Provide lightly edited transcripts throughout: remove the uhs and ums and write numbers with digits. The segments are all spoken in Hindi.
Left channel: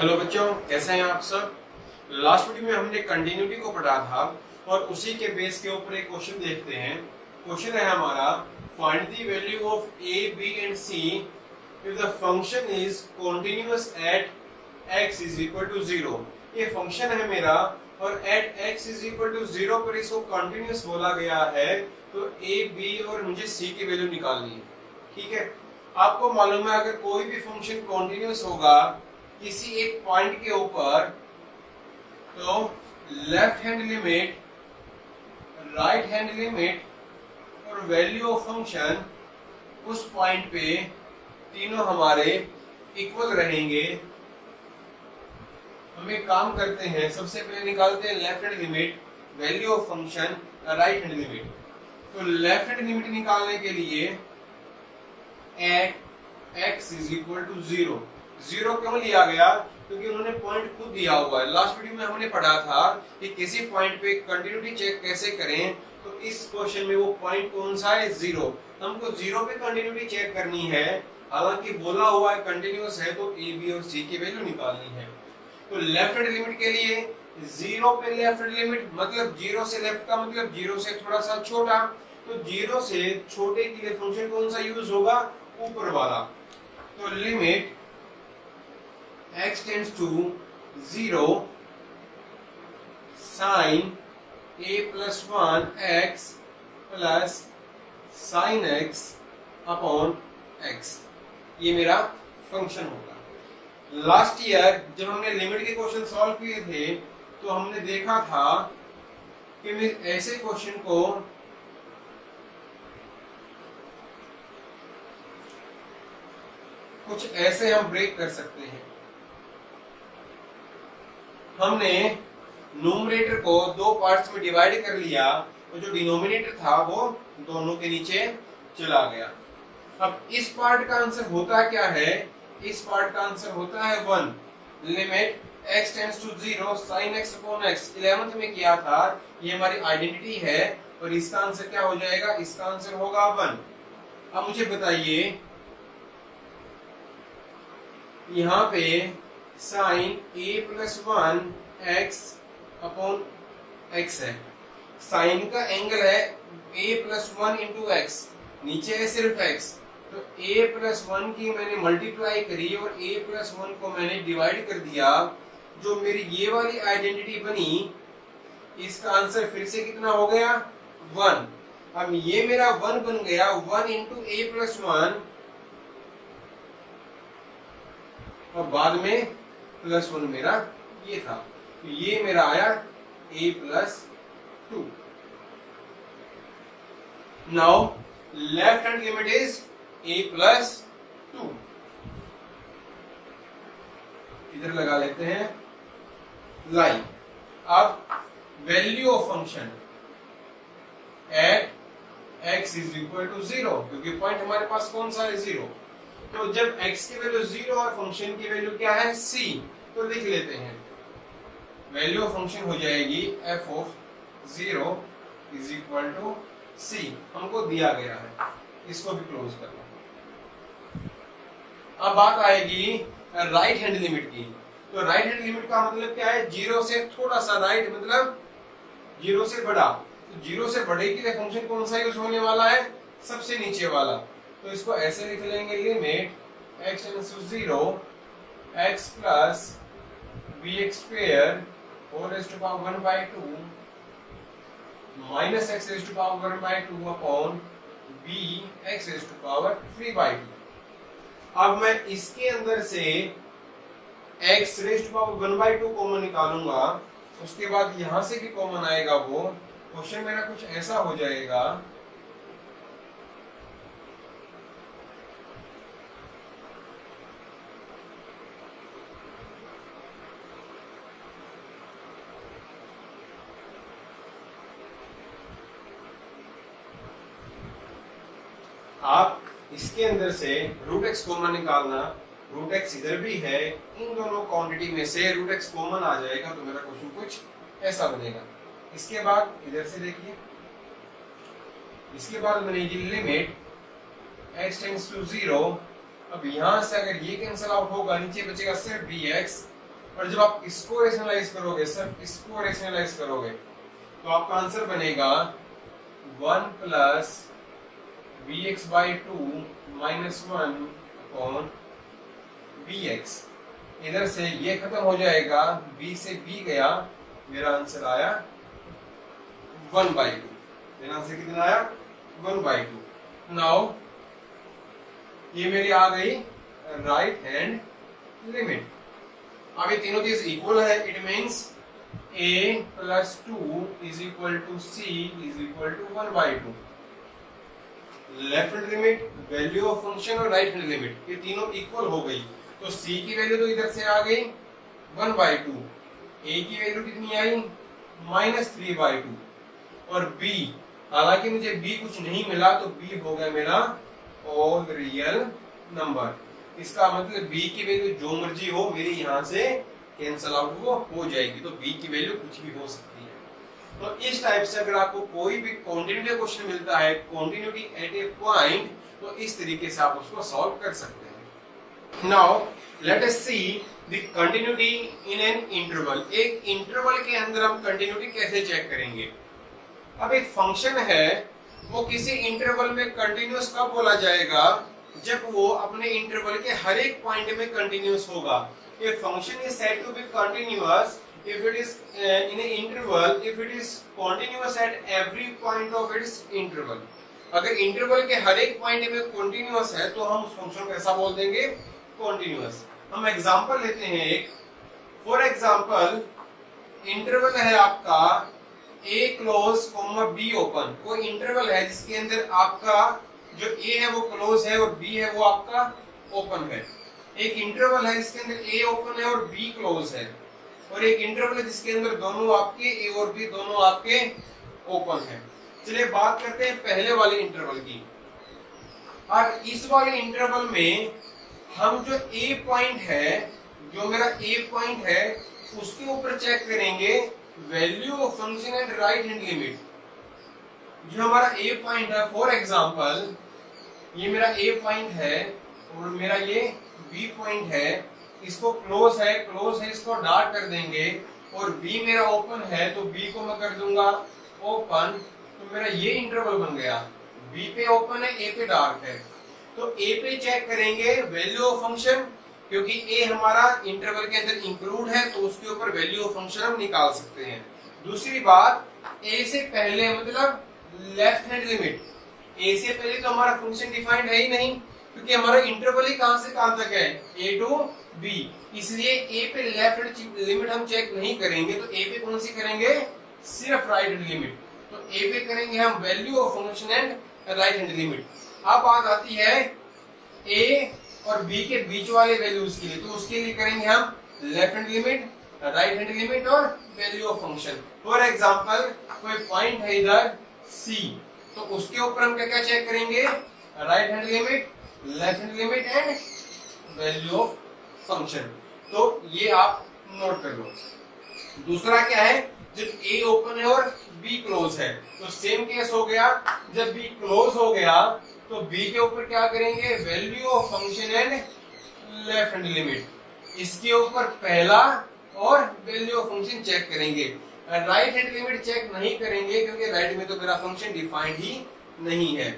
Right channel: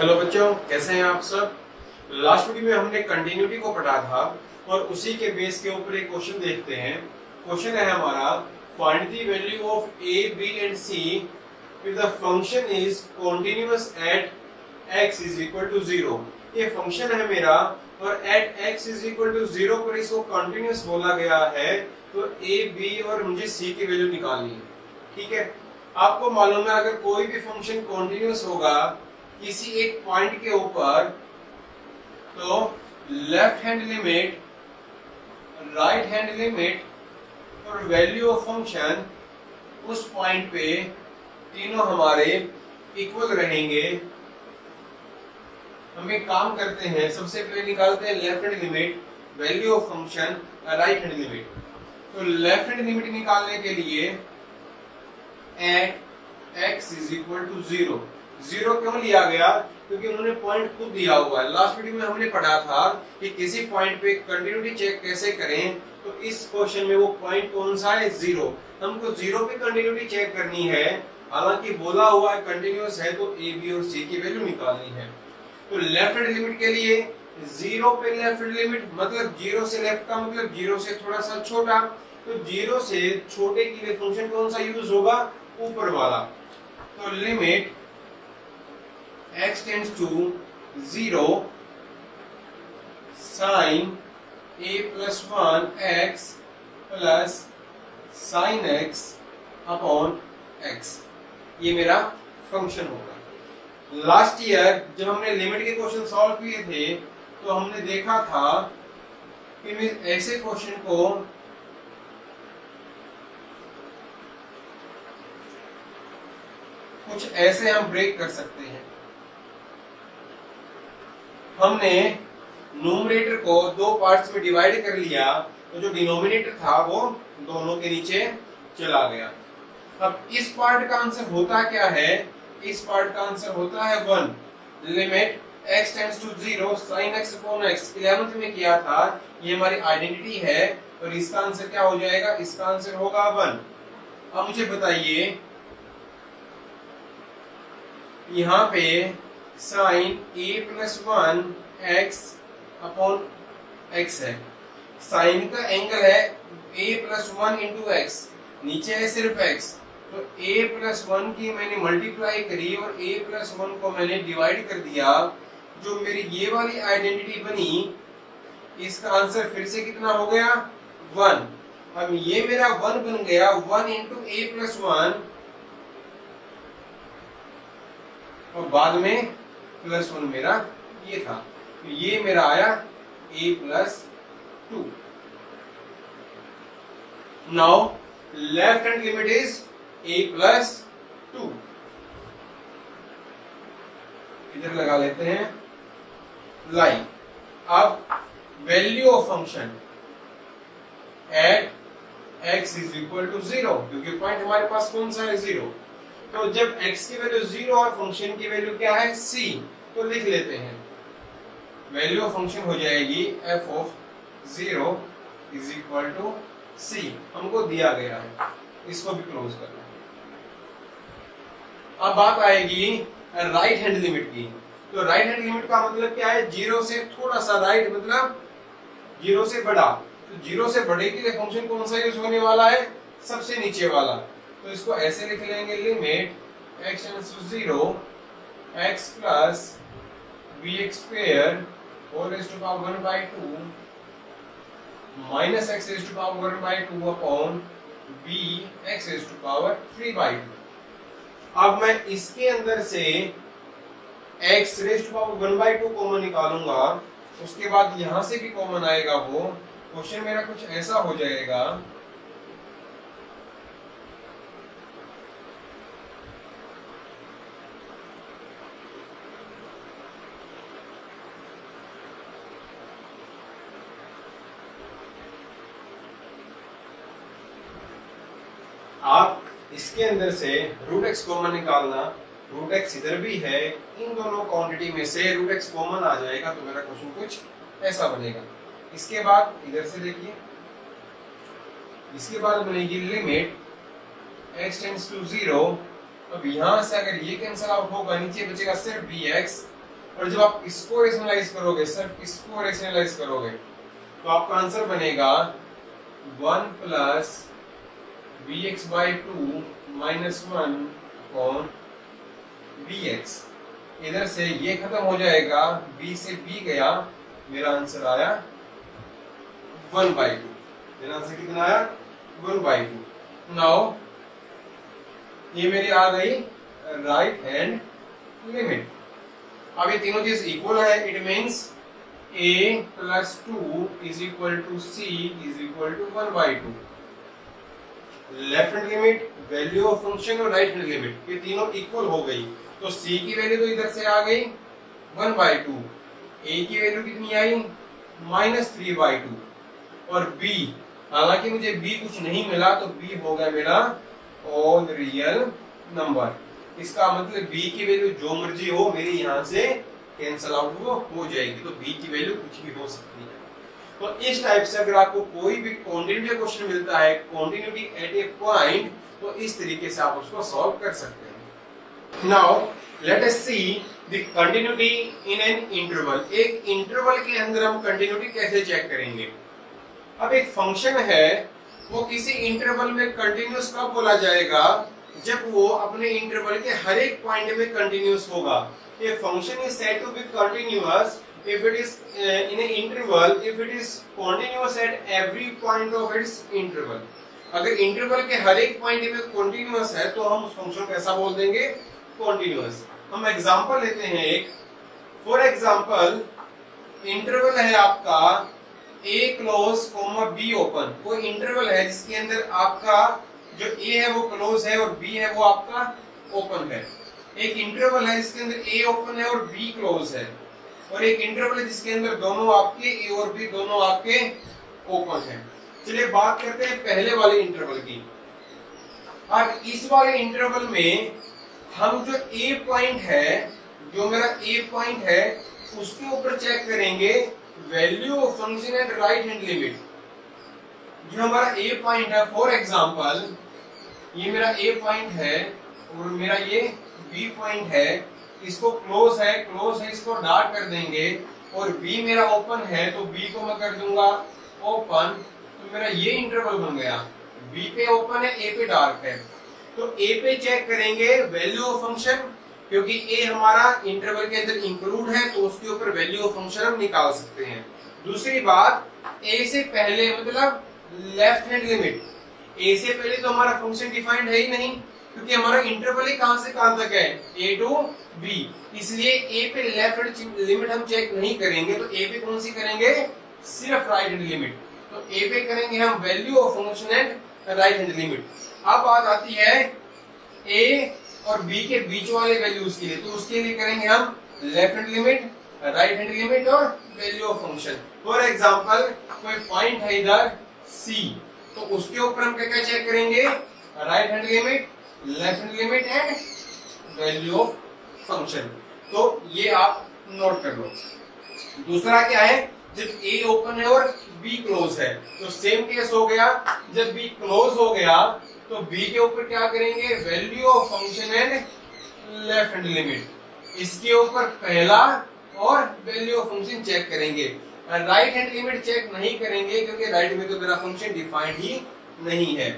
हेलो बच्चों, कैसे हैं आप सब। लास्ट वीडियो में हमने कंटिन्यूटी को पढ़ा था और उसी के बेस के ऊपर एक क्वेश्चन देखते हैं। क्वेश्चन है हमारा, find the value of A B and C if the function is continuous at x is equal to 0। ये फंक्शन है मेरा और at x is equal to 0 पर इसको कंटिन्यूअस बोला गया है, तो ए बी और मुझे सी की वैल्यू निकालनी है। ठीक है, आपको मालूम है अगर कोई भी फंक्शन कॉन्टिन्यूअस होगा किसी एक पॉइंट के ऊपर, तो left hand limit, right hand limit और वैल्यू ऑफ फंक्शन उस पॉइंट पे तीनों हमारे इक्वल रहेंगे। हम एक काम करते हैं, सबसे पहले निकालते हैं left hand limit, value of function, right hand limit. तो लेफ्ट हैंड लिमिट निकालने के लिए at x is equal to 0। 0 क्यों लिया गया? क्योंकि उन्होंने पॉइंट खुद दिया हुआ है। लास्ट वीडियो में हमने पढ़ा था कि किसी पॉइंट पे कंटिन्यूटी चेक कैसे करें, तो इस क्वेश्चन में वो पॉइंट कौन सा है? 0। हमको 0 पे कंटिन्यूटी चेक करनी है, हालांकि बोला हुआ है कंटिन्यूअस है, तो ए बी और सी की वैल्यू निकालनी है। तो लेफ्ट हैंड लिमिट के लिए 0 पे लेफ्ट हैंड लिमिट मतलब 0 से लेफ्ट का मतलब 0 से थोड़ा सा छोटा, तो 0 से छोटे के लिए फंक्शन कौन सा यूज होगा? ऊपर वाला। तो limit x tends to 0 sine a plus 1 x plus sine x upon x, ये मेरा फंक्शन होगा। लास्ट ईयर जब हमने लिमिट के क्वेश्चन सॉल्व किए थे तो हमने देखा था कि ऐसे क्वेश्चन को कुछ ऐसे हम ब्रेक कर सकते हैं। हमने न्यूमरेटर को दो पार्ट्स में डिवाइड कर लिया, तो जो डिनोमिनेटर था वो दोनों के नीचे चला गया। अब इस पार्ट का आंसर होता क्या है? इस पार्ट का आंसर होता है 1। Limit x tends to 0 sin x upon x 11th में किया था, ये हमारी आइडेंटिटी है और इसका आंसर क्या हो जाएगा? इसका आंसर होगा 1। अब मुझे बताइए, यहाँ पे sine a plus 1 x upon x है। साइन का एंगल है a प्लस 1 इंटू x, नीचे है सिर्फ x, तो a प्लस 1 की मैंने मल्टीप्लाई करी और a प्लस 1 को मैंने डिवाइड कर दिया। जो मेरी ये वाली आइडेंटिटी बनी, इसका आंसर फिर से कितना हो गया? 1। अब ये मेरा 1 बन गया, 1 इंटू a प्लस 1 और बाद में प्लस 1 मेरा ये था, तो ये मेरा आया a plus 2। Now left hand limit is a plus 2। इधर लगा लेते हैं लाइन। अब value of function at x is equal to 0, क्योंकि पॉइंट हमारे पास कौन सा है? 0। तो जब x की वैल्यू 0 और फंक्शन की वैल्यू क्या है? c, तो लिख लेते हैं वैल्यू ऑफ फंक्शन हो जाएगी f of 0 is equal to c। हमको दिया गया है, इसको भी क्लोज करना है। अब बात आएगी राइट हैंड लिमिट की। तो राइट हैंड लिमिट का मतलब क्या है? 0 से थोड़ा सा राइट मतलब 0 से बड़ा। तो 0 से बड़े के लिए फंक्शन कौन सा यूज होने वाला है? सबसे नीचे वाला। तो इसको ऐसे लिख लेंगे, limit x tends to 0 x plus bx square whole raised to power 1/2 minus x raised to power 1/2 upon b x raised to power 3/2। अब मैं इसके अंदर से x raised to power 1/2 common निकालूंगा, उसके बाद यहां से भी कॉमन आएगा। वो क्वेश्चन मेरा कुछ ऐसा हो जाएगा, आप इसके अंदर से रूट x कॉमन निकालना। रूट x इधर भी है, इन दोनों क्वांटिटी में से रूट x कॉमन आ जाएगा, तो मेरा क्वेश्चन कुछ ऐसा बनेगा। इसके बाद इधर से देखिए, इसके बाद बनेगी लिमिट x टेंड्स टू 0 अब यहां से अगर ये कैंसिल आउट होगा, नीचे बचेगा सिर्फ bx और जब आप इसको रेशनलाइज करोगे, सिर्फ इसको रेशनलाइज करोगे, तो आपका आंसर बनेगा 1 plus B X by two minus 1 upon B X. इधर से ये खत्म हो जाएगा, b से b गया, मेरा आंसर आया 1/2। मेरा आंसर कितना आया 1/2। नाउ ये मेरी आ गई राइट हैंड लिमिट। अब ये तीनों चीज इक्वल है, it means a plus 2 is equal to c is equal to 1/2। Left hand limit, value of function और राइट हैंड लिमिट ये तीनों इक्वल हो गई, तो c की वैल्यू तो इधर से आ गई 1/2, a की वैल्यू कितनी आई -3/2, और b, हालांकि मुझे b कुछ नहीं मिला तो b हो गया मेरा ऑल रियल नंबर। इसका मतलब b की वैल्यू जो मर्जी हो मेरी यहाँ से कैंसल आउट वो हो जाएगी, तो b की वैल्यू कुछ भी हो सकती है। तो इस टाइप से अगर आपको कोई भी कॉन्टिन्यूटी क्वेश्चन मिलता है, कॉन्टिन्यूटी एट ए पॉइंट, तो इस तरीके से आप उसको सॉल्व कर सकते हैं। Now let us see the continuity in an interval. एक इंटरवल के अंदर हम कंटिन्यूटी कैसे चेक करेंगे। अब एक फंक्शन है, वो किसी इंटरवल में कंटिन्यूअस कब बोला जाएगा, जब वो अपने इंटरवल के हर एक पॉइंट में कंटिन्यूअस होगा। A function is said to be continuous if it is in an interval, if it is continuous at every point of its interval। अगर इंटरवल के हर एक पॉइंट में कंटिन्यूअस है तो हम उस फंक्शन को ऐसा बोल देंगे कंटिन्यूअस। हम एग्जांपल लेते हैं एक। फॉर एग्जांपल इंटरवल है आपका a क्लोज b ओपन। कोई इंटरवल है जिसके अंदर आपका जो a है वो क्लोज है और b है वो आपका ओपन है। एक इंटरवल है जिसके अंदर a ओपन है और b क्लोज है, और एक इंटरवल है जिसके अंदर दोनों आपके a और b दोनों आपके ओपन है। चलिए बात करते हैं पहले वाले इंटरवल की। अब इस वाले इंटरवल में हम जो a पॉइंट है, जो मेरा a पॉइंट है, उसके ऊपर चेक करेंगे value of function and right hand limit. जो हमारा a पॉइंट है, फॉर एग्जांपल ये मेरा a पॉइंट है और मेरा ये b पॉइंट है, इसको क्लोज है इसको डार्क कर देंगे, और b मेरा ओपन है तो b को मैं कर दूंगा ओपन, तो मेरा ये इंटरवल बन गया। b पे ओपन है, a पे डार्क है, तो a पे चेक करेंगे वैल्यू ऑफ फंक्शन, क्योंकि a हमारा इंटरवल के अंदर इंक्लूड है तो उसके ऊपर वैल्यू ऑफ फंक्शन हम निकाल सकते हैं। दूसरी बात, a से पहले मतलब लेफ्ट हैंड लिमिट, a से पहले तो हमारा फंक्शन डिफाइंड है ही नहीं, क्योंकि हमारा इंटरवल ही कहां से कहां तक है, a टू b, इसलिए a पे लेफ्ट हैंड लिमिट हम चेक नहीं करेंगे, तो a पे कौन सी करेंगे, सिर्फ राइट हैंड लिमिट। तो a पे करेंगे हम value of function and right hand limit. अब बात आती है a और b के बीच वाले वैल्यूज के लिए, तो उसके लिए करेंगे हम left hand limit, right hand limit और value of function. For example कोई पॉइंट है इधर c, तो उसके ऊपर हम क्या क्या चेक करेंगे, right hand limit, left hand limit and value of function. तो ये आप नोट कर लो। दूसरा क्या है, जब a ओपन है और b क्लोज है, तो सेम केस हो गया। जब b क्लोज हो गया तो b के ऊपर क्या करेंगे, value of function and left hand limit. इसके ऊपर पहला और वैल्यू ऑफ फंक्शन चेक करेंगे। राइट हैंड लिमिट चेक नहीं करेंगे क्योंकि राइट में तो मेरा फंक्शन डिफाइंड ही नहीं है।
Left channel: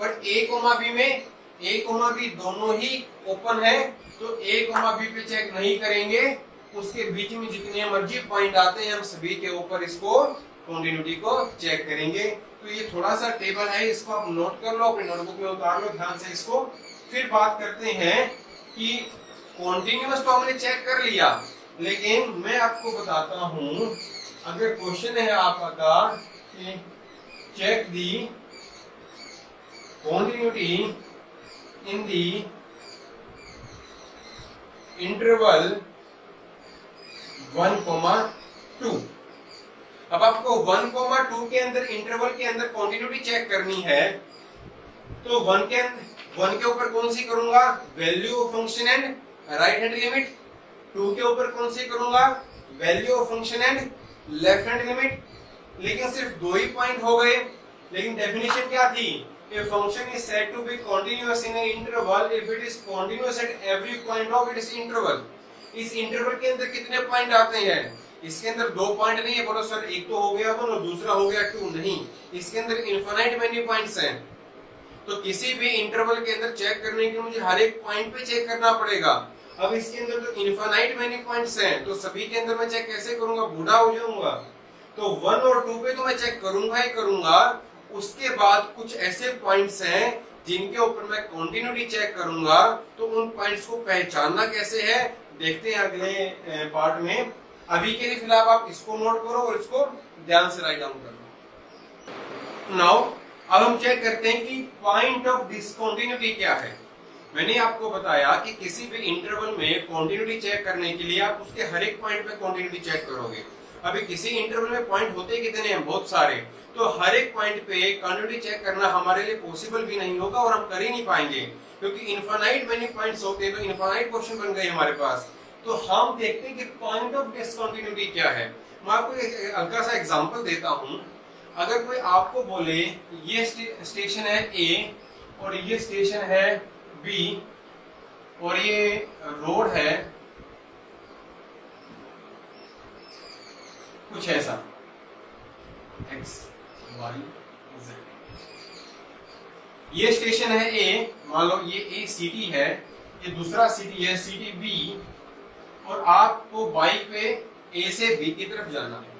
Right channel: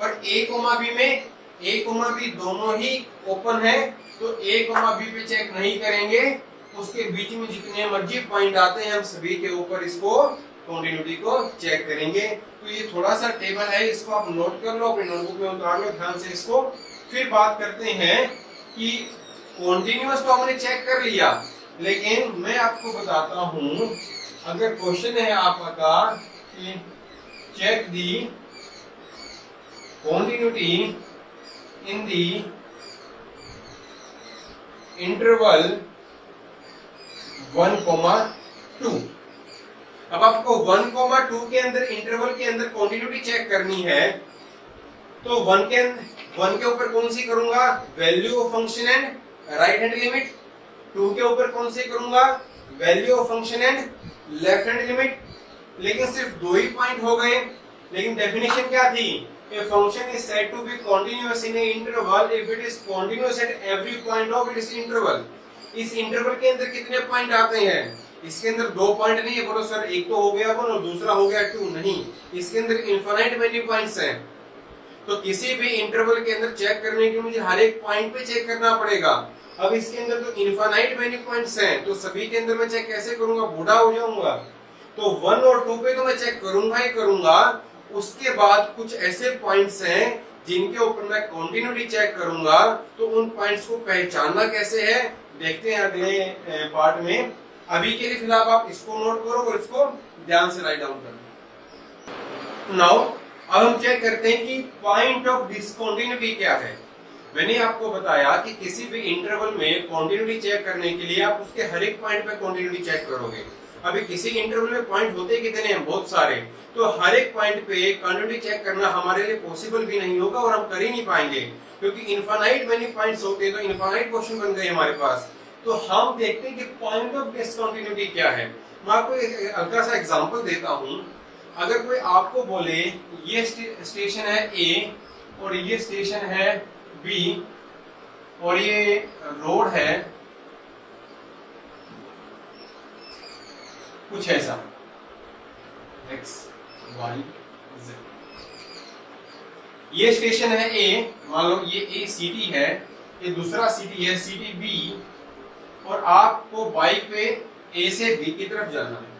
और a b में a b दोनों ही ओपन है, तो a b पे चेक नहीं करेंगे, उसके बीच में जितने मर्जी पॉइंट आते हैं हम सभी के ऊपर इसको कंटिन्यूटी को चेक करेंगे। तो ये थोड़ा सा टेबल है, इसको आप नोट कर लो, अपने नोटबुक में उतार लो ध्यान से इसको। फिर बात करते हैं कि कॉन्टिन्यूअस तो हमने चेक कर लिया, लेकिन मैं आपको बताता हूं, अगर क्वेश्चन है आपका कि check the continuity in the interval 1,2। अब आपको 1,2 के अंदर इंटरवल के अंदर कंटिन्यूटी चेक करनी है, तो 1 के ऊपर कौन सी करूंगा, value of function and right hand limit. 2 के ऊपर कौन सी करूंगा, value of function and left hand limit. लेकिन सिर्फ 2 ही पॉइंट हो गए, लेकिन डेफिनेशन क्या थी, a function is said to be continuous in an interval if it is continuous at every point of its interval। इस इंटरवल के अंदर कितने पॉइंट आते हैं? इसके अंदर 2 पॉइंट नहीं है, बोलो सर एक तो हो गया 1 और दूसरा हो गया 2, नहीं, इसके अंदर इनफाइनाइट मेनी पॉइंट्स हैं। तो किसी भी इंटरवल के अंदर चेक करने के मुझे हर एक पॉइंट पे चेक करना पड़ेगा। अब इसके अंदर तो इनफाइनाइट मेनी पॉइंट्स हैं, तो सभी के अंदर मैं चेक कैसे करूंगा? बूढ़ा हो जाऊंगा। तो 1 और 2 पे तो मैं चेक करूंगा ही करूंगा। उसके बाद कुछ ऐसे पॉइंट्स हैं जिनके ऊपर मैं कंटिन्यूटी चेक करूंगा। तो उन पॉइंट्स को पहचानना कैसे है, देखते हैं अगले पार्ट में। अभी के लिए फिलहाल आप इसको नोट करो और इसको ध्यान से राइट डाउन करो। नाउ अब हम चेक करते हैं कि पॉइंट ऑफ डिसकंटिन्यूटी क्या है। मैंने आपको बताया कि किसी भी इंटरवल में कंटिन्यूटी चेक करने के लिए आप उसके हर एक पॉइंट पे कंटिन्यूटी चेक करोगे। अभी किसी इंटरवल में पॉइंट होते कितने हैं? बहुत सारे। तो हर एक पॉइंट पे कंटिन्यूटी चेक करना हमारे लिए पॉसिबल भी नहीं होगा और हम कर ही नहीं पाएंगे, क्योंकि इनफाइनाइट मेनी पॉइंट्स होते हैं। तो इनफाइनाइट क्वेश्चन बन गए हमारे पास। तो हम देखते हैं कि पॉइंट ऑफ डिसकंटिन्यूटी क्या है। मैं आपको एक हल्का सा एग्जांपल देता हूं। अगर कोई आपको बोले ये स्टेशन है ए और ये स्टेशन है बी और ये रोड है कुछ ऐसा x y z, ये स्टेशन है ए, मान लो ये ए सिटी है, ये दूसरा सिटी है सिटी बी, और आपको बाइक पे ए से बी की तरफ जाना है।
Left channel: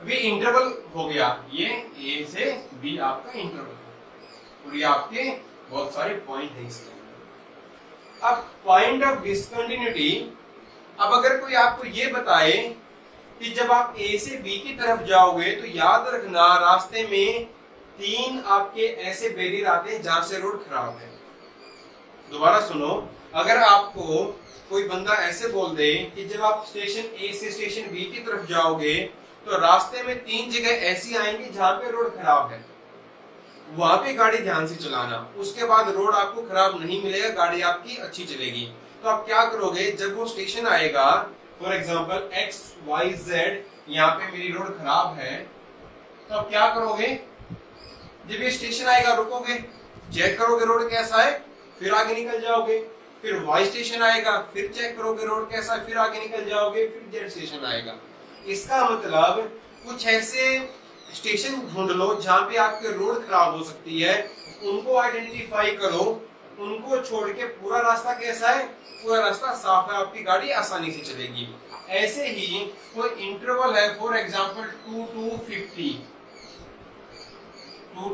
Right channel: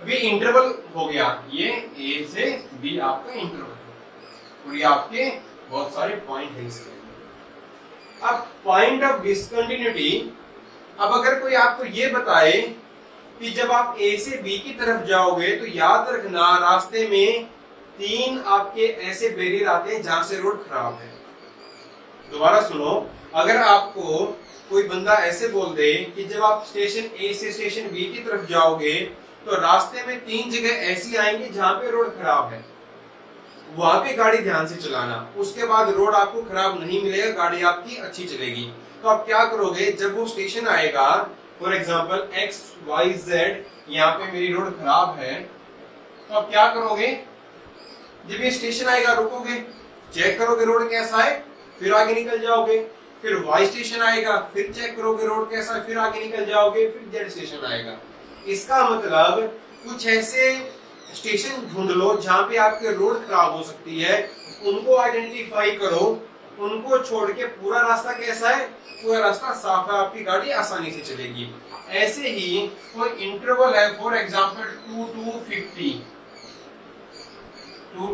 अभी इंटरवल हो गया, ये ए से बी आपका इंटरवल है और ये आपके बहुत सारे पॉइंट है इसके अंदर। अब पॉइंट ऑफ डिसकंटिन्यूटी, अब अगर कोई आपको ये बताए कि जब आप ए से बी की तरफ जाओगे तो याद रखना रास्ते में 3 आपके ऐसे बैरियर आते हैं जहां से रोड खराब है। दोबारा सुनो, अगर आपको कोई बंदा ऐसे बोल दे कि जब आप स्टेशन ए से स्टेशन बी की तरफ जाओगे तो रास्ते में 3 जगह ऐसी आएंगी जहां पे रोड खराब है, वहां पे गाड़ी ध्यान से चलाना। उसके बाद रोड आपको खराब नहीं मिलेगा, गाड़ी आपकी अच्छी चलेगी। तो आप क्या करोगे, जब वो स्टेशन आएगा, for example X Y Z, यहाँ पे मेरी रोड खराब है, तो आप क्या करोगे, जब ये स्टेशन आएगा रुकोगे, चेक करोगे रोड कैसा है, फिर आगे निकल जाओगे। फिर वाई स्टेशन आएगा, फिर चेक करोगे रोड कैसा है, फिर आगे निकल जाओगे। फिर जेड स्टेशन आएगा। इसका मतलब कुछ ऐसे स्टेशन ढूंढ लो जहां पे आपके रोड खराब हो सकती है, उनको आइडेंटिफाई करो। उनको छोड़ के पूरा रास्ता कैसा है, पूरा रास्ता साफ है, आपकी गाड़ी आसानी से चलेगी। ऐसे ही कोई इंटरवल है, फॉर एग्जांपल 2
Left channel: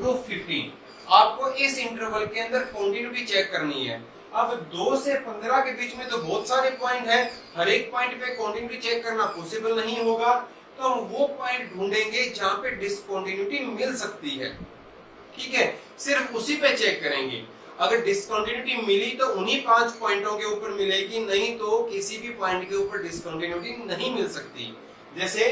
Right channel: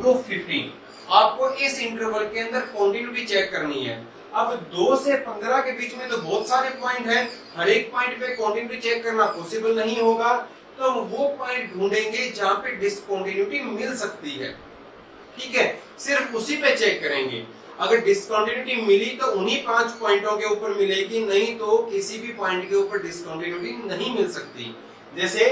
to 15, आपको इस इंटरवल के अंदर कंटिन्यूटी चेक करनी है। अब 2 से 15 के बीच में तो बहुत सारे पॉइंट हैं, हर एक पॉइंट पे कंटिन्यूटी चेक करना पॉसिबल नहीं होगा। तो हम वो पॉइंट ढूंढेंगे जहां पे डिसकंटिन्यूटी मिल सकती है, ठीक है, सिर्फ उसी पे चेक करेंगे। अगर डिसकंटिन्यूटी मिली तो उन्हीं 5 पॉइंटों के ऊपर मिलेगी, नहीं तो किसी भी पॉइंट के ऊपर डिसकंटिन्यूटी नहीं मिल सकती। जैसे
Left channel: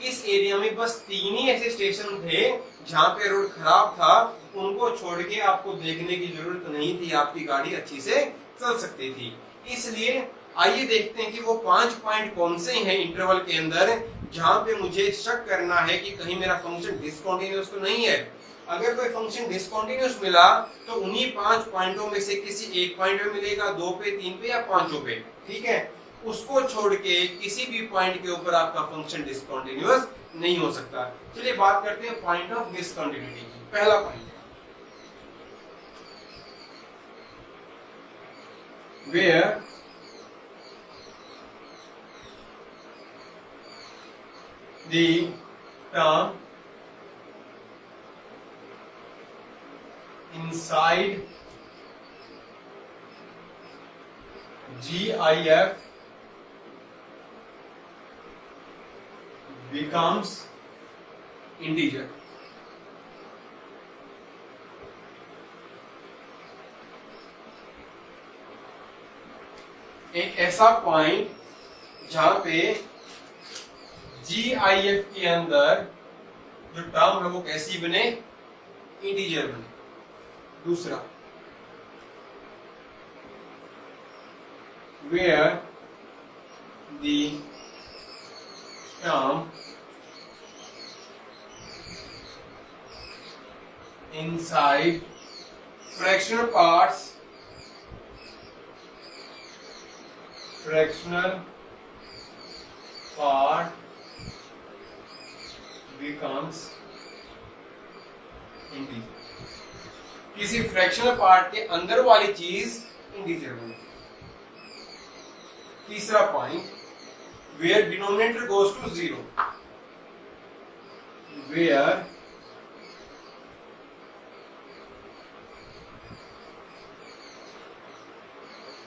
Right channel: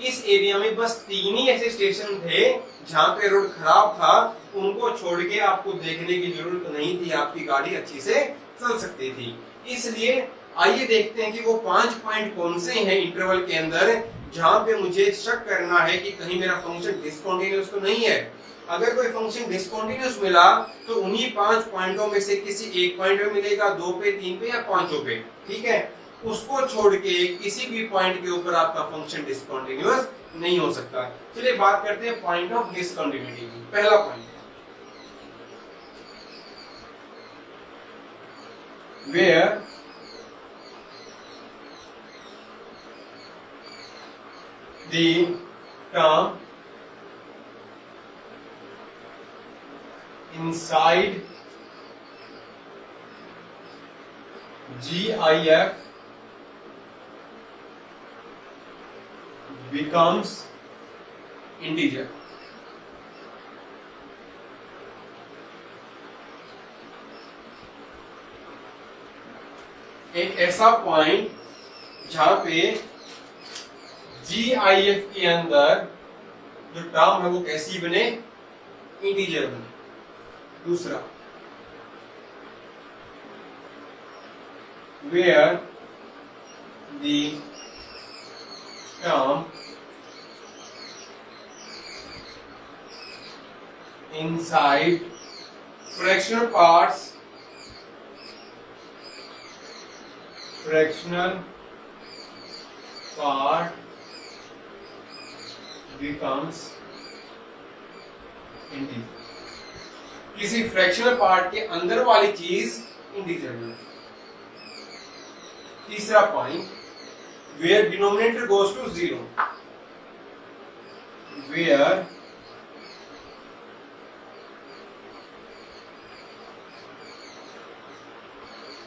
इस एरिया में बस 3 ही ऐसे स्टेशन थे जहां पे रोड खराब था, उनको छोड़ के आपको देखने की जरूरत नहीं थी, आपकी गाड़ी अच्छी से चल सकती थी। इसलिए आइए देखते हैं कि वो 5 पॉइंट कौन से हैं इंटरवल के अंदर जहां पे मुझे शक करना है कि कहीं मेरा फंक्शन डिसकंटिन्यूअस तो नहीं है। अगर कोई फंक्शन डिसकंटिन्यूअस मिला तो उन्हीं 5 पॉइंटों में से किसी एक पॉइंट पे मिलेगा, 2 पे, 3 पे या 5 पे, ठीक है। उसको छोड़ के किसी भी पॉइंट के ऊपर आपका फंक्शन डिसकंटिन्यूअस नहीं हो सकता। चलिए बात करते हैं पॉइंट ऑफ डिसकंटिन्यूटी की। पहला point, where the term inside GIF becomes integer। एक ऐसा पॉइंट जहां पे GIF के अंदर जो टर्म है वो कैसी बने, इंटीजर बने। दूसरा, where the term inside fractional fractional part becomes integer. किसी फ्रैक्शनल पार्ट के अंदर वाली चीज इंटीजर बने. तीसरा point, where denominator goes to 0, where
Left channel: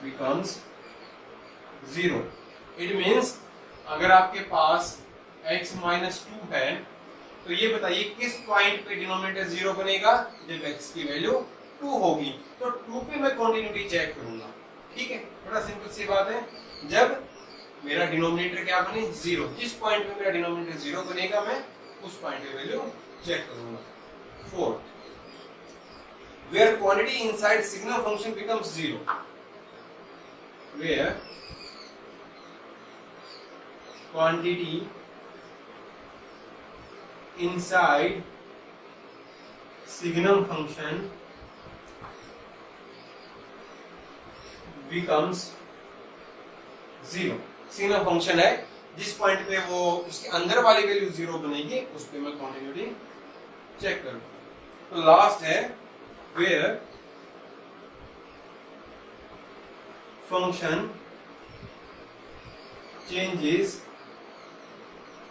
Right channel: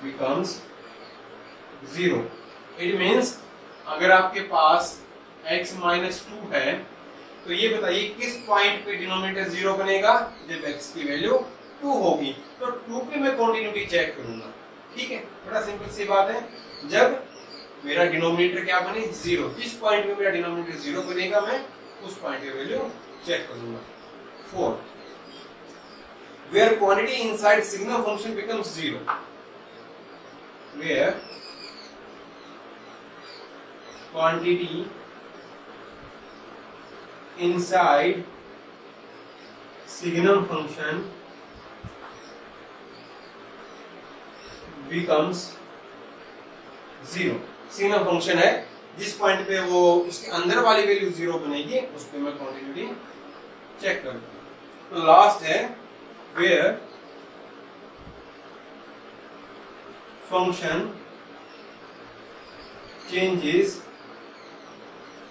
becomes 0. It means अगर आपके पास x माइनस 2 है तो ये बताइए किस पॉइंट पे डिनोमिनेटर 0 बनेगा, जब x की वैल्यू 2 होगी. तो 2 पे मैं कॉन्टिन्यूटी चेक करूंगा. ठीक है, बड़ा सिंपल सी बात है. जब मेरा डिनोमिनेटर क्या बने 0, जिस पॉइंट पे मेरा डिनोमिनेटर 0 बनेगा मैं उस पॉइंट की वैल्यू चेक करूंगा. 4, where quantity inside signum function becomes 0, where quantity inside signum function becomes 0. Signum function है, जिस पॉइंट पे वो उसके अंदर वाली वैल्यू 0 बनेगी उस पे मैं कॉन्टिन्यूटी चेक करूँ. तो लास्ट है where function changes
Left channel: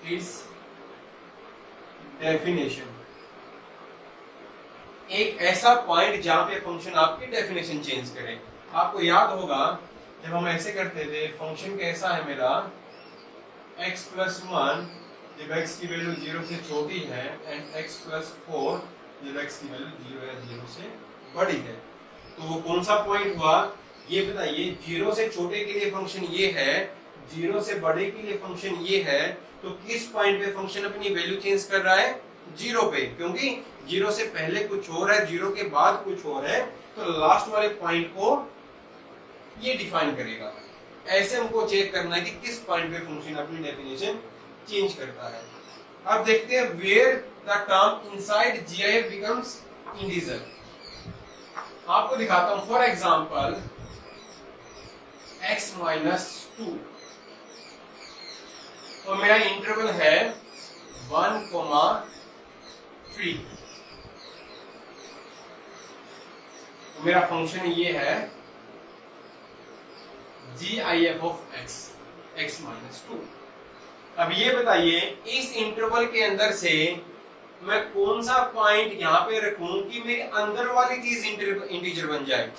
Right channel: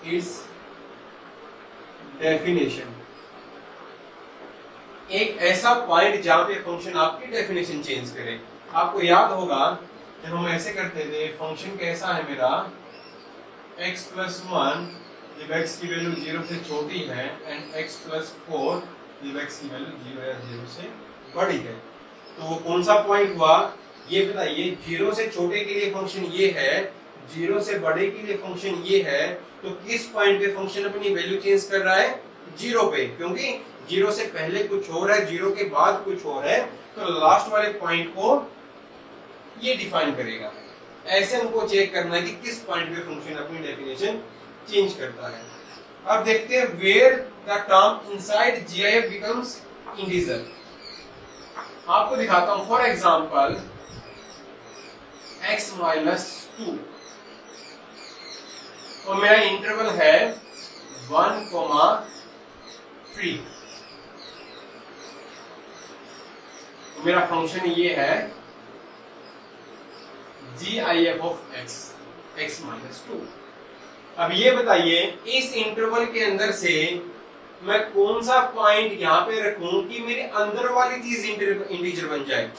its definition. एक ऐसा पॉइंट जहां पे फंक्शन आपकी डेफिनेशन चेंज करे. आपको याद होगा जब हम ऐसे करते थे, फंक्शन कैसा है मेरा x प्लस 1 जब x की वैल्यू 0 से छोटी है एंड x प्लस 4 जब x की वैल्यू 0 या 0 से बड़ी है. तो वो कौन सा पॉइंट हुआ ये बताइए. 0 से छोटे के लिए फंक्शन ये है, 0 से बड़े के लिए फंक्शन ये है. तो किस पॉइंट पे फंक्शन अपनी वैल्यू चेंज कर रहा है 0 पे, क्योंकि 0 से पहले कुछ और है, 0 के बाद कुछ और है. तो लास्ट वाले पॉइंट को ये डिफाइन करेगा. ऐसे हमको चेक करना है कि किस पॉइंट पे फंक्शन अपनी डेफिनेशन चेंज करता है. अब देखते हैं where the term inside GIF becomes integer. आपको दिखाता हूं. फॉर एग्जांपल x माइनस 2 और मेरा इंटरवल है 1,3. तो मेरा फंक्शन ये है GIF ऑफ x माइनस 2. अब ये बताइए इस इंटरवल के अंदर से मैं कौन सा पॉइंट यहाँ पे रखूं कि मेरे अंदर वाली चीज इंटीजर बन जाए,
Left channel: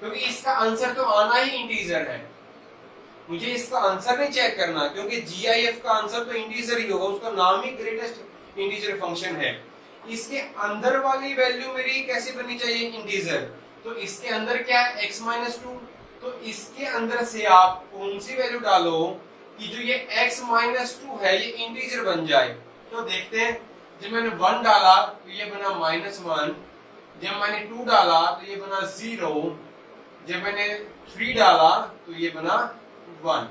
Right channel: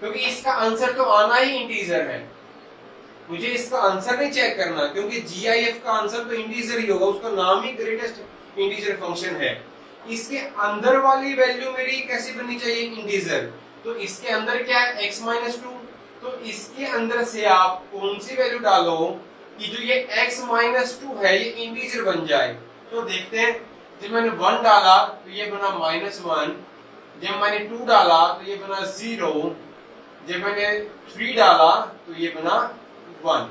क्योंकि इसका आंसर तो आना ही इंटीजर है. मुझे इसका आंसर नहीं चेक करना, क्योंकि GIF का आंसर तो इंटीजर ही होगा, उसका नाम ही ग्रेटेस्ट इंटीजर फंक्शन है. इसके अंदर वाली वैल्यू मेरी कैसे बननी चाहिए इंटीजर. तो इसके अंदर क्या है x माइनस 2. तो इसके अंदर से आप कौन सी वैल्यू डालो कि जो ये x माइनस 2 है ये इंटीजर बन जाए. तो देखते हैं. जब मैंने 1 डाला तो ये बना -1. जब मैंने 2 डाला तो ये बना 0. जब मैंने 3 डाला तो ये बना 1.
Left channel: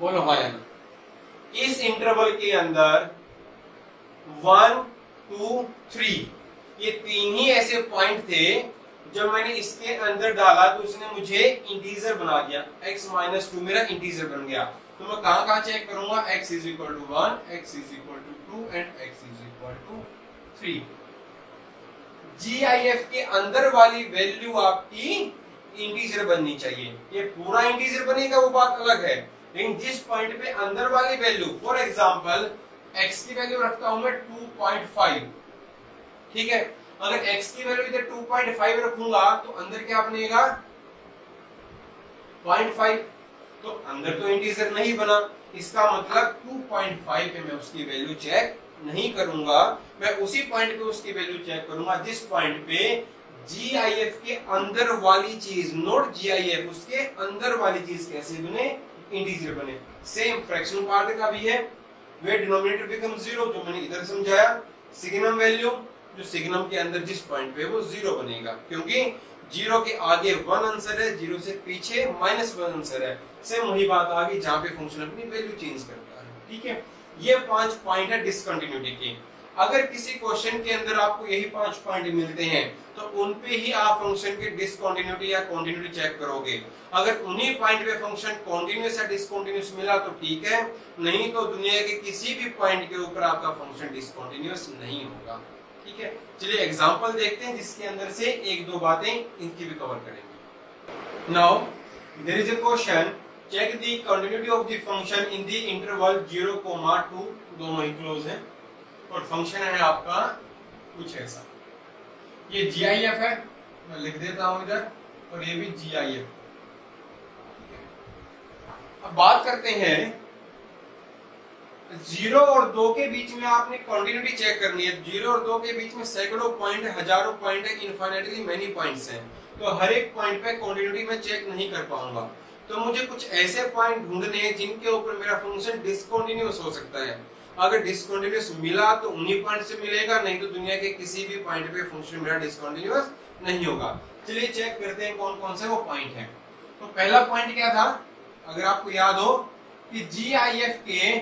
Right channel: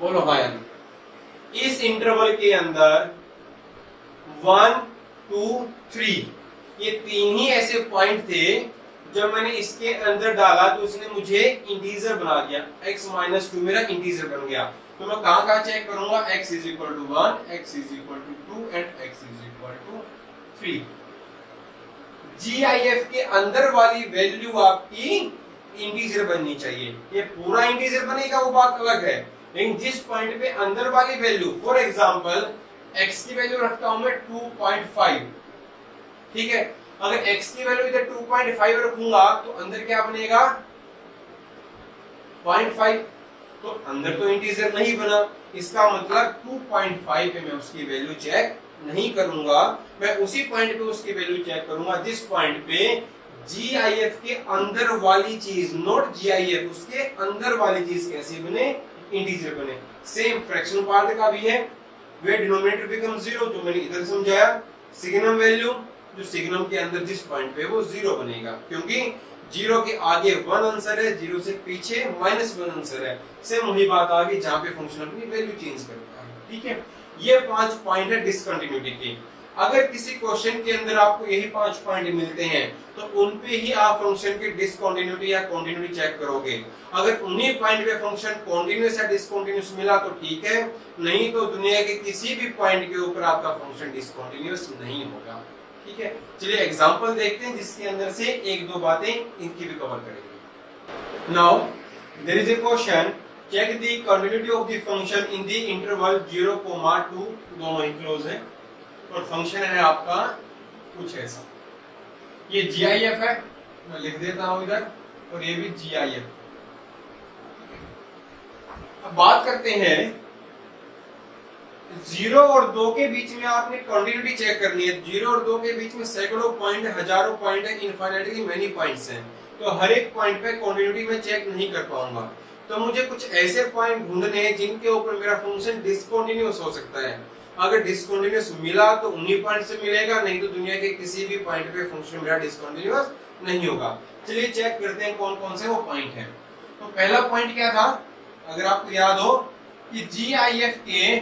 बोलो हाँ या नहीं. इस इंटरवल के अंदर 1, 2, 3 ये 3 ही ऐसे पॉइंट थे जब मैंने इसके अंदर डाला तो उसने मुझे इंटीजर बना दिया. x माइनस 2 मेरा इंटीजर बन गया. तो मैं कहां चेक करूंगा. x is equal to 1, x is equal to 2 and x is equal to 3. GIF के अंदर वाली वैल्यू आपकी इंटीजर बननी चाहिए. ये पूरा इंटीजर बनेगा वो बात अलग है, लेकिन जिस पॉइंट पे अंदर वाली वैल्यू, फॉर एग्जांपल x की वैल्यू रखता हूं मैं 2.5. ठीक है, अगर x की वैल्यू इधर 2.5 रखूंगा तो अंदर क्या बनेगा 0.5. तो अंदर तो इंटीजर नहीं बना. इसका मतलब 2.5 पे मैं उसकी वैल्यू चेक नहीं करूंगा. मैं उसी पॉइंट पे उसकी वैल्यू चेक करूंगा जिस पॉइंट पे GIF के अंदर वाली चीज, नॉट GIF, उसके अंदर वाली चीज कैसे बने इंटीजर बने. सेम फ्रैक्शन पार्ट का भी है. वे डिनोमिनेटर बिकम 0 जो मैंने इधर समझाया. सिग्नम वैल्यू जो सिग्नम के अंदर जिस पॉइंट पे वो 0 बनेगा, क्योंकि 0 के आगे 1 आंसर है, 0 से पीछे -1 आंसर है. सेम वही बात आ गई जहां पे फंक्शन अपनी वैल्यू चेंज करता है. ठीक है, ये 5 पॉइंट है डिसकंटिन्यूटी के. अगर किसी क्वेश्चन के अंदर आपको यही 5 पॉइंट मिलते हैं तो उन पे ही आप फंक्शन की डिसकंटिन्यूटी या कंटिन्यूटी चेक करोगे। अगर उन्हीं पॉइंट पे फंक्शन कॉन्टिन्यूस या डिसकंटिन्यूस मिला तो ठीक है, नहीं तो दुनिया के किसी भी पॉइंट के ऊपर आपका फंक्शन डिसकंटिन्यूस नहीं होगा। ठीक है, चलिए एग्जांपल देखते हैं जिसके अंदर से एक दो बातें इनकी भी कवर करेंगे। Now there is a question, check the continuity of the function in the interval 0,2, दोनों ही क्लोज है और फंक्शन है आपका कुछ ऐसा। ये GIF है, मैं लिख देता हूं इधर, और ये भी GIF। अब बात करते हैं 0 और 2 के बीच में आपने कंटिन्यूटी चेक करनी है। 0 और 2 के बीच में सैकड़ों पॉइंट, हजारों पॉइंट है, इनफाइनाइटली मेनी पॉइंट्स हैं, तो हर एक पॉइंट पे कंटिन्यूटी में चेक नहीं कर पाऊंगा। तो मुझे कुछ ऐसे पॉइंट ढूंढने हैं जिनके ऊपर मेरा फंक्शन डिसकंटिन्यूअस हो सकता है। अगर डिसकंटिन्यूअस मिला तो उन्हीं पॉइंट से मिलेगा, नहीं तो दुनिया के किसी भी पॉइंट पे फंक्शन मेरा डिसकंटिन्यूअस नहीं होगा। चलिए चेक करते हैं कौन कौन से वो पॉइंट हैं। तो पहला पॉइंट क्या था, अगर आपको याद हो कि GIF के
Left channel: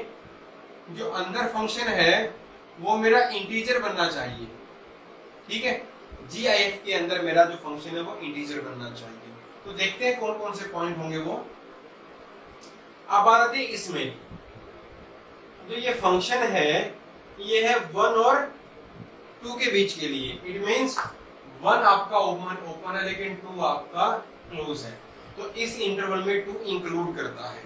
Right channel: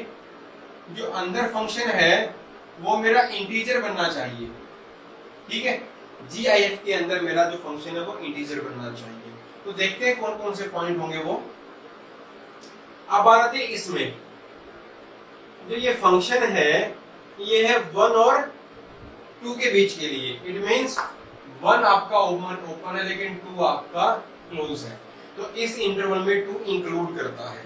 जो अंदर फंक्शन है वो मेरा इंटीजर बनना चाहिए। ठीक है, GIF के अंदर मेरा जो फंक्शन है वो इंटीजर बनना चाहिए। तो देखते हैं कौन कौन से पॉइंट होंगे वो। अब बात आती है इसमें, जो ये फंक्शन है ये है 1 और 2 के बीच के लिए। इट मींस 1 आपका ओपन है लेकिन 2 आपका क्लोज है, तो इस इंटरवल में 2 इंक्लूड करता है।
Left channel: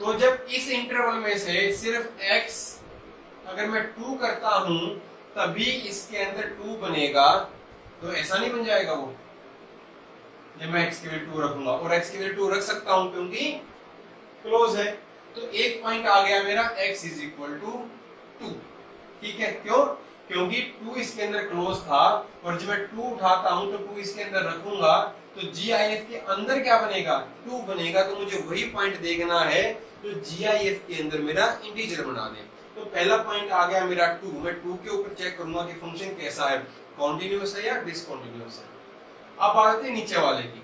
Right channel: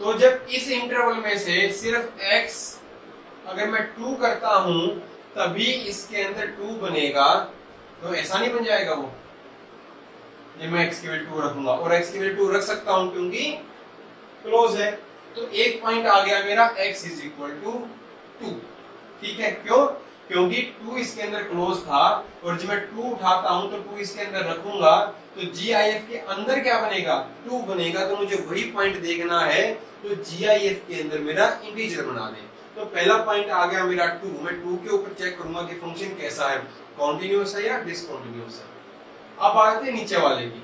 तो जब इस इंटरवल में से सिर्फ x अगर मैं 2 करता हूं तभी इसके अंदर 2 बनेगा, तो ऐसा नहीं बन जाएगा वो जब मैं x की वैल्यू 2 रखूंगा, और x की वैल्यू 2 रख सकता हूं क्योंकि क्लोज है। तो एक पॉइंट आ गया मेरा x इज इक्वल टू 2। ठीक है, क्यों? क्योंकि 2 इसके अंदर क्लोज था, और जब मैं 2 उठाता हूं तो 2 इसके अंदर रखूंगा तो GIF के अंदर क्या बनेगा, 2 बनेगा। तो मुझे वही पॉइंट देखना है तो GIF के अंदर मेरा इंटीजर बना दे। तो पहला पॉइंट आ गया मेरा 2। मैं 2 के ऊपर चेक करूंगा कि फंक्शन कैसा है, कॉन्टिन्यूअस है या डिसकॉन्टिन्यूअस है। अब बात आती है नीचे वाले की।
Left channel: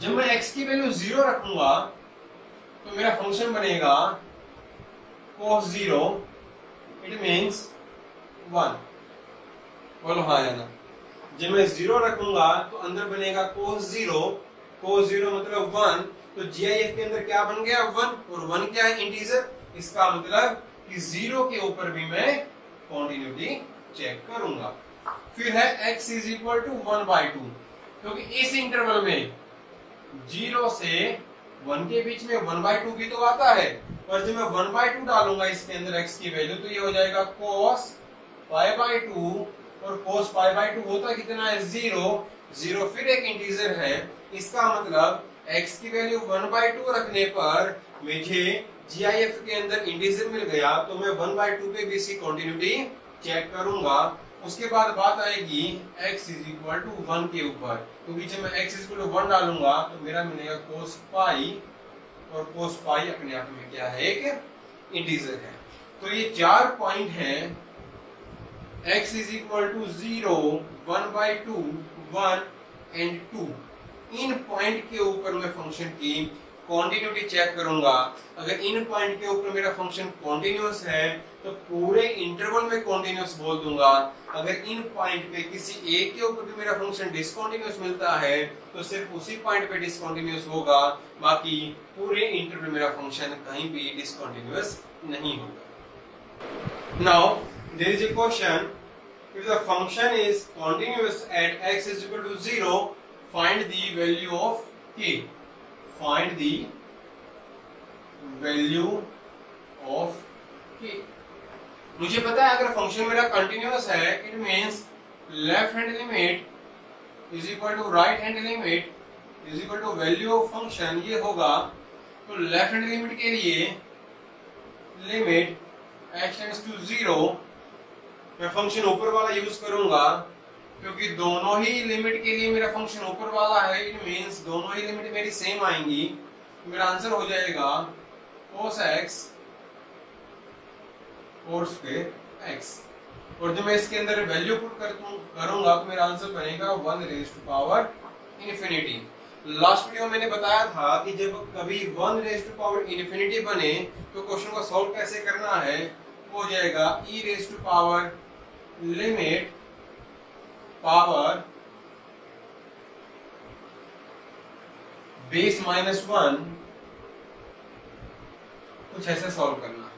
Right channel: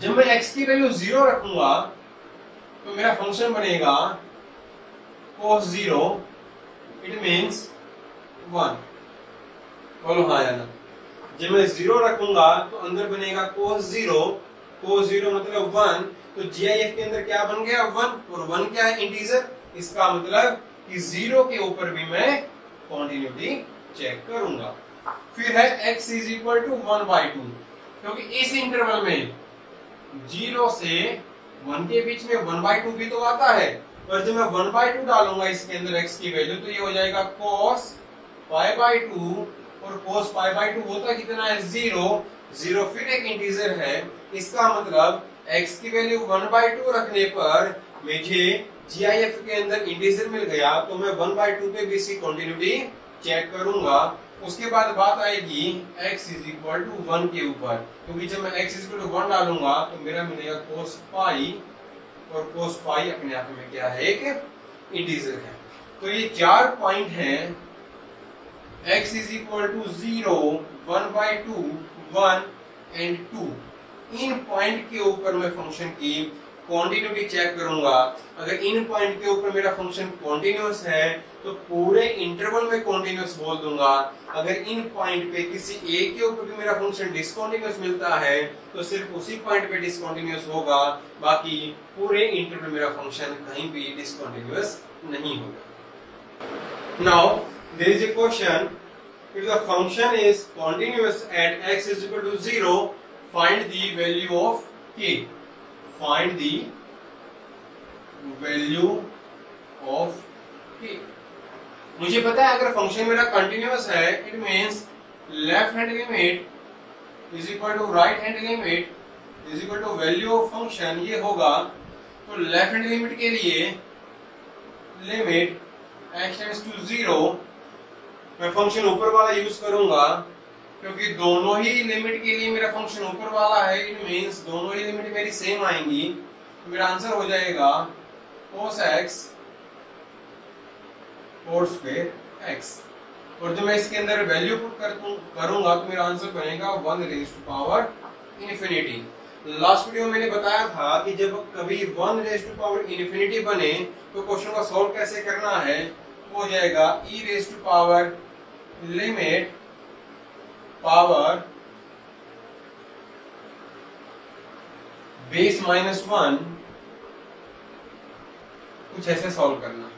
जब मैं x की वैल्यू 0 रखूंगा तो मेरा फंक्शन बनेगा cos 0, इट मीन्स 1। बोलो हाँ या ना। जब मैं 0 रखूंगा तो अंदर बनेगा cos 0 मतलब 1। तो GIF के अंदर क्या बन गया, 1, और 1 क्या है, इंटीजर। इसका मतलब कि 0 के ऊपर भी मैं कॉन्टिन्यूटी चेक करूंगा। फिर है x इज इक्वल टू 1/2, क्योंकि इस इंटरवल में 0 से 1 के बीच में 1/2 भी तो आता है, और जब मैं 1/2 डालूंगा इसके अंदर x की वैल्यू तो ये हो जाएगा cos π/2, और cos π/2 होता कितना है, 0 फिर एक इंटीजर है। इसका मतलब x की वैल्यू 1/2 रखने पर मुझे GIF के अंदर इंटीजर मिल गया, तो मैं 1/2 पे भी इसकी कंटिन्यूटी चेक करूंगा। उसके बाद बात आएगी x इज इक्वल टू 1 के ऊपर, क्योंकि जब मैं x इज इक्वल टू 1 डालूंगा तो मेरा मिलेगा cos π, और cos π अपने आप में क्या है, एक इंटीजर है। तो ये 4 पॉइंट हैं, x is equal to 0, 1/2, 1 and 2। इन पॉइंट के ऊपर मैं फंक्शन की कॉन्टिन्यूटी चेक करूंगा। अगर इन पॉइंट के ऊपर मेरा फंक्शन कॉन्टिन्यूअस है तो पूरे इंटरवल में कॉन्टिन्यूअस बोल दूंगा। अगर इन पॉइंट पे किसी एक के ऊपर भी मेरा फंक्शन डिसकंटिन्यूअस मिलता है तो सिर्फ उसी पॉइंट पे डिसकंटिन्यूअस होगा, बाकी पूरे इंटरवल मेरा फंक्शन कहीं भी डिसकंटिन्यूअस नहीं होगा। Now there is a question, if the function is continuous at x is equal to 0, find the value of k. Find the value of k. मुझे पता है अगर फंक्शन मेरा कंटिन्यूअस है, it means left hand limit is equal to right hand limit is equal to value of function, ये होगा। तो लेफ्ट हैंड लिमिट के लिए लिमिट x टेंड्स टू 0, मैं फंक्शन ऊपर वाला यूज करूंगा क्योंकि दोनों ही लिमिट के लिए मेरा फंक्शन ऊपर वाला है। इट मींस दोनों ही लिमिट मेरी सेम आएंगी। मेरा आंसर हो जाएगा cos x cos square x, और जब मैं इसके अंदर वैल्यू पुट करूंगा तो मेरा आंसर बनेगा 1 raise to power infinity. Last video में मैंने बताया था कि जब कभी 1 रेज़ टू पावर इन्फिनिटी बने तो क्वेश्चन को सॉल्व कैसे करना है, हो जाएगा e raise to power limit power base -1, कुछ ऐसे सॉल्व करना।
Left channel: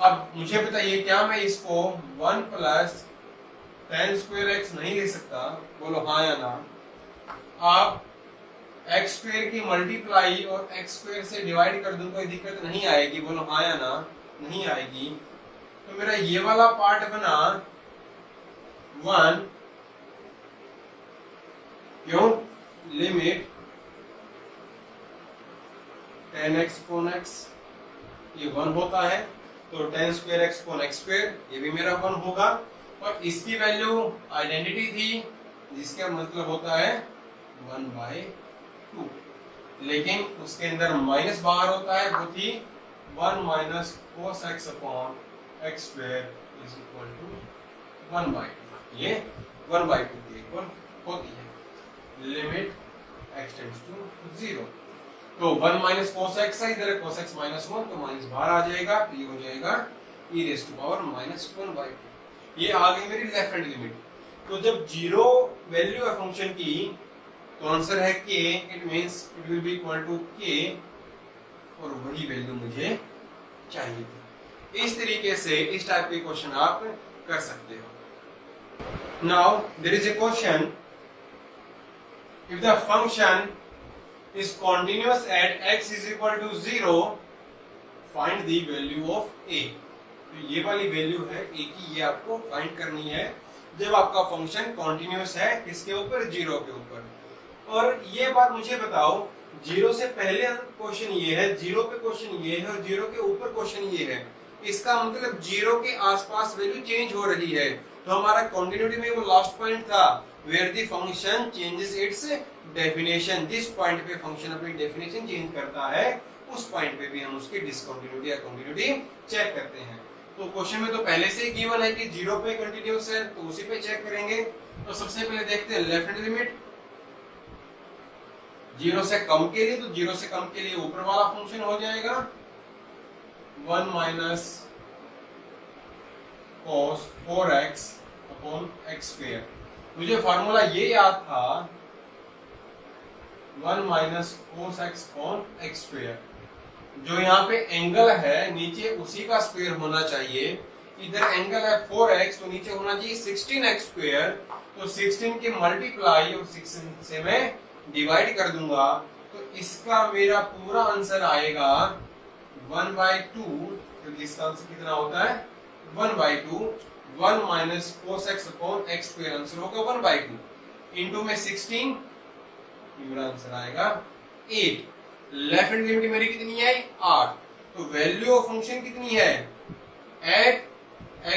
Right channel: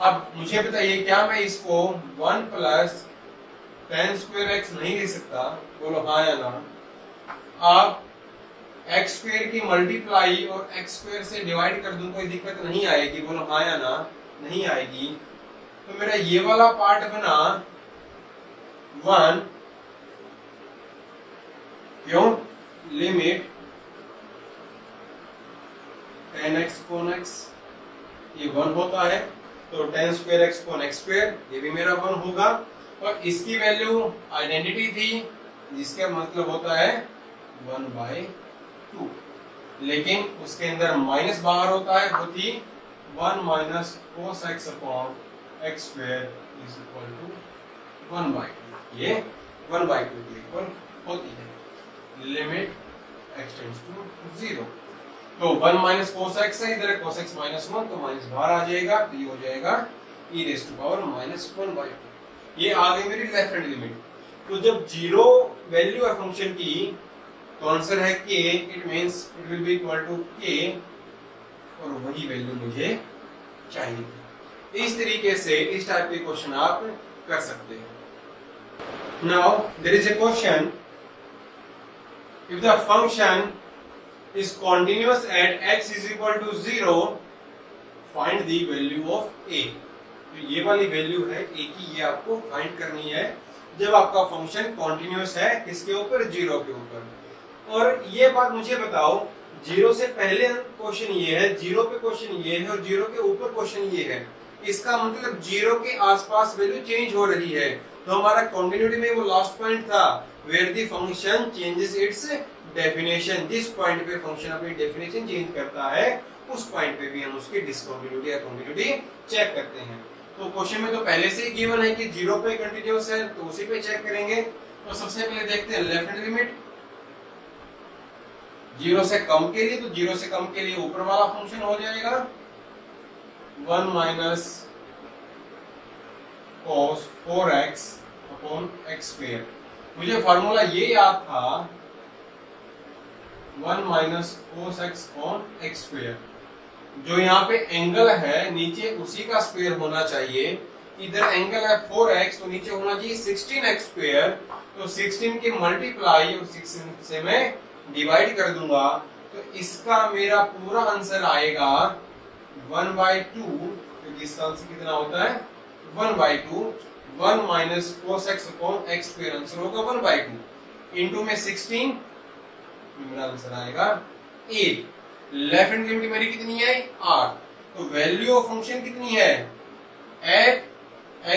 अब मुझे बताइए क्या मैं इसको 1 प्लस tan स्क्वायर एक्स नहीं ले सकता? बोलो हाँ या ना। आप एक्स स्क्वायर की मल्टीप्लाई और एक्स स्क्वायर से डिवाइड कर दूं, कोई दिक्कत नहीं आएगी? बोलो हाँ या ना। नहीं आएगी। तो मेरा ये वाला पार्ट बना 1, क्यों? लिमिट tan x कोन x, ये 1 होता है, तो tan स्क्वायर x कोन x स्क्वायर ये भी मेरा 1 होगा। और इसकी वैल्यू आइडेंटिटी थी, जिसका मतलब होता है 1/2, लेकिन उसके अंदर माइनस बाहर होता है, वो थी 1 minus cos x upon x square is equal to 1/2। ये 1/2 के इक्वल होती है। लिमिट x टेंड्स टू 0, तो 1 माइनस cos x है, इधर cos x -1, तो माइनस बाहर आ जाएगा, तो ये हो जाएगा e रेज टू पावर -1/2। ये आ गई मेरी लेफ्ट हैंड लिमिट। तो जब जीरो वैल्यू है फंक्शन की, तो आंसर है k, it means it will be equal to k, और वही वैल्यू मुझे चाहिए थी। इस तरीके से इस टाइप के क्वेश्चन आप कर सकते हो। Now there is a question, if the function is continuous at x is equal to 0, find the value of a। तो ये वाली वैल्यू है a की, ये आपको फाइंड करनी है जब आपका फंक्शन कॉन्टिन्यूस है किसके ऊपर? 0 के ऊपर। और ये बात मुझे बताओ, 0 से पहले क्वेश्चन ये है, 0 पे क्वेश्चन ये है, और 0 के ऊपर क्वेश्चन ये है। इसका मतलब 0 के आसपास वैल्यू चेंज हो रही है। तो हमारा कॉन्टिन्यूटी में वो लास्ट पॉइंट था, where the function changes its definition. जिस पॉइंट पे फंक्शन अपनी डेफिनेशन चेंज करता है, उस पॉइंट पे भी हम उसकी डिसकंटिन्यूटी या कंटिन्यूटी चेक करते हैं। तो क्वेश्चन में तो पहले से ही गिवन है कि 0 पे कंटिन्यूस है, तो उसी पे चेक करेंगे। तो सबसे पहले देखते हैं लेफ्ट हैंड लिमिट 0 से कम के लिए, तो 0 से कम के लिए ऊपर वाला फंक्शन हो जाएगा 1 minus cos 4x upon x square. मुझे फॉर्मूला ये याद था 1 minus cos x upon x square. जो यहाँ पे एंगल है नीचे उसी का स्क्वायर होना चाहिए। इधर एंगल है 4x, तो नीचे होना चाहिए 16x स्क्वायर। तो 16 की मल्टीप्लाई और 16 से मैं डिवाइड कर दूंगा, तो इसका मेरा पूरा आंसर आएगा 1/2, क्योंकि इसका आंसर कितना होता है 1/2। 1 minus cos x upon x square answer होगा 1/2 इंटू में 16, मेरा आंसर आएगा 8। लेफ्ट हैंड लिमिट मेरी कितनी है 8। तो वैल्यू ऑफ फंक्शन कितनी है at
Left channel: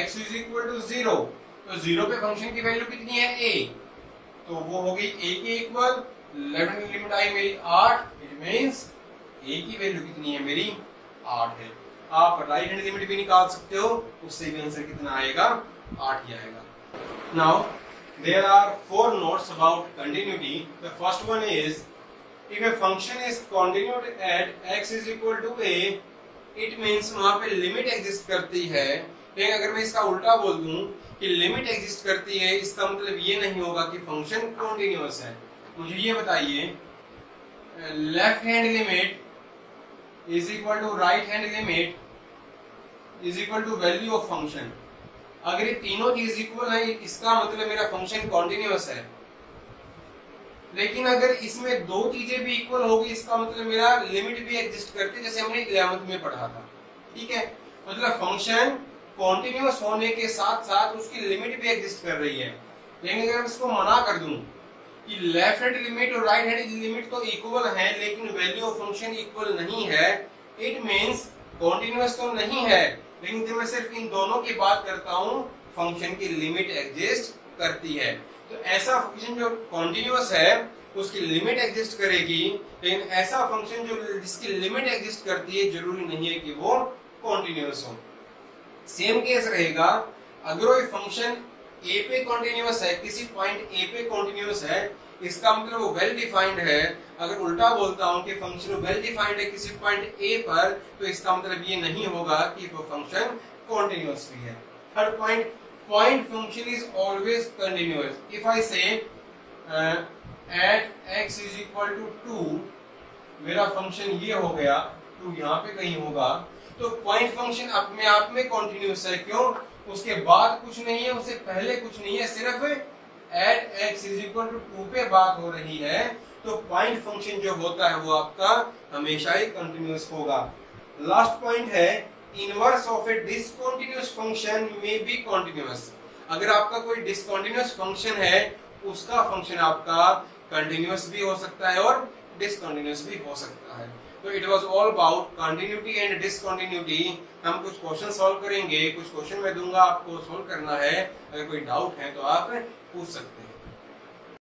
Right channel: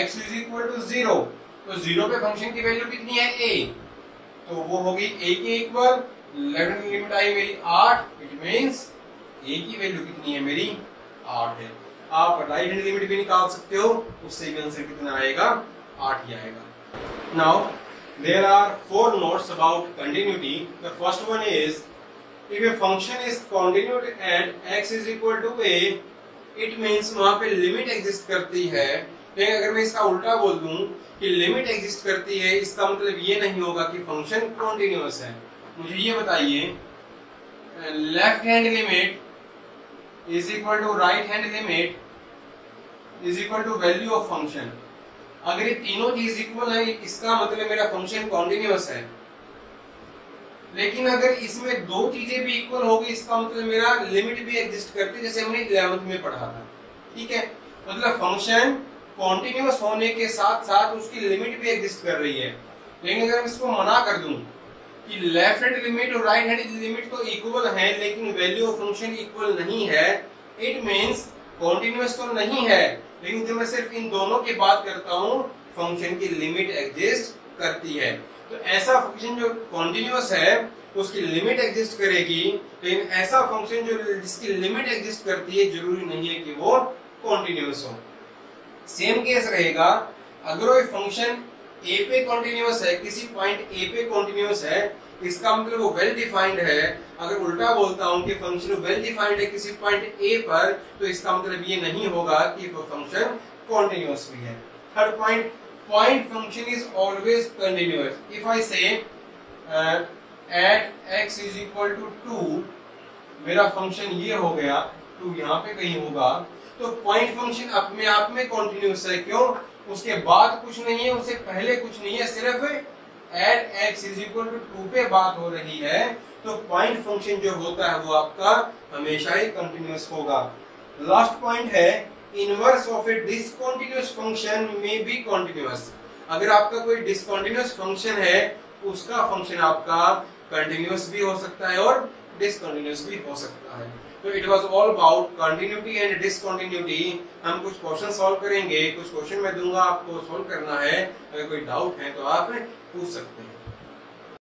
x is equal to 0। तो 0 पे फंक्शन की वैल्यू कितनी है a, तो वो होगी a के इक्वल। लेफ्ट हैंड लिमिट आई मेरी 8, इट मींस a की वैल्यू कितनी है मेरी 8 है। आप राइट हैंड लिमिट भी निकाल सकते हो, उससे भी आंसर कितना आएगा 8 ही आएगा। Now there are 4 notes about continuity. The first one is, if a function is continued at x is equal to a, it means वहां पे लिमिट एग्जिस्ट करती है। लेकिन अगर मैं इसका उल्टा बोल दूं कि लिमिट एग्जिस्ट करती है, इसका मतलब ये नहीं होगा कि फंक्शन कॉन्टिन्यूअस है। मुझे ये बताइए, left hand limit is equal to right hand limit is equal to value of function. अगर ये तीनों चीज इक्वल है, इसका मतलब मेरा फंक्शन कॉन्टिन्यूअस है। लेकिन अगर इसमें दो चीजें भी इक्वल होगी, इसका मतलब मेरा लिमिट भी एग्जिस्ट करती है, जैसे हमने 11th में पढ़ा था। ठीक है, मतलब फंक्शन कॉन्टिन्यूअस होने के साथ साथ उसकी लिमिट भी एग्जिस्ट कर रही है। लेकिन अगर मैं इसको मना कर दूं कि लेफ्ट हैंड लिमिट और राइट हैंड लिमिट तो इक्वल है, लेकिन वैल्यू ऑफ फंक्शन इक्वल नहीं है, इट मींस कॉन्टिन्यूअस तो नहीं है। लेकिन जब मैं सिर्फ इन दोनों की बात करता हूं, फंक्शन की लिमिट एग्जिस्ट करती है। तो ऐसा फंक्शन जो कॉन्टिन्यूअस है उसकी लिमिट एग्जिस्ट करेगी, लेकिन ऐसा फंक्शन जो जिसकी लिमिट एग्जिस्ट करती है जरूरी नहीं है कि वो कॉन्टिन्यूअस हो। सेम केस रहेगा अगर वो फंक्शन ए पे कॉन्टिन्यूअस है, किसी पॉइंट ए पे कॉन्टिन्यूअस है, इसका मतलब वो वेल डिफाइंड है। अगर उल्टा बोलता हूं कि फंक्शन वेल डिफाइंड है किसी पॉइंट ए पर, तो इसका मतलब ये नहीं होगा कि वो फंक्शन कॉन्टिन्यूअस भी है। Third point, point function is always continuous. If I say at x is equal to 2, मेरा फंक्शन ये हो गया, 2 यहाँ पे कहीं होगा, तो पॉइंट फंक्शन अपने आप में कॉन्टिन्यूअस है। क्यों? उसके बाद कुछ नहीं है, उससे पहले कुछ नहीं है, सिर्फ at x is equal to 2 पे बात हो रही है। तो पॉइंट फंक्शन जो होता है वो आपका हमेशा ही कंटिन्यूअस होगा। लास्ट पॉइंट है, inverse of A discontinuous function में बी कंटिन्यूअस। अगर आपका कोई डिसकंटिन्यूअस फंक्शन है, उसका फंक्शन आपका कंटिन्यूअस भी हो सकता है और डिसकंटिन्यूअस भी हो सकता है। तो it was all about continuity and discontinuity. हम कुछ क्वेश्चन सॉल्व करेंगे, कुछ क्वेश्चन मैं दूंगा, आपको सॉल्व करना है। अगर कोई डाउट है तो आप पूछ सकते हैं।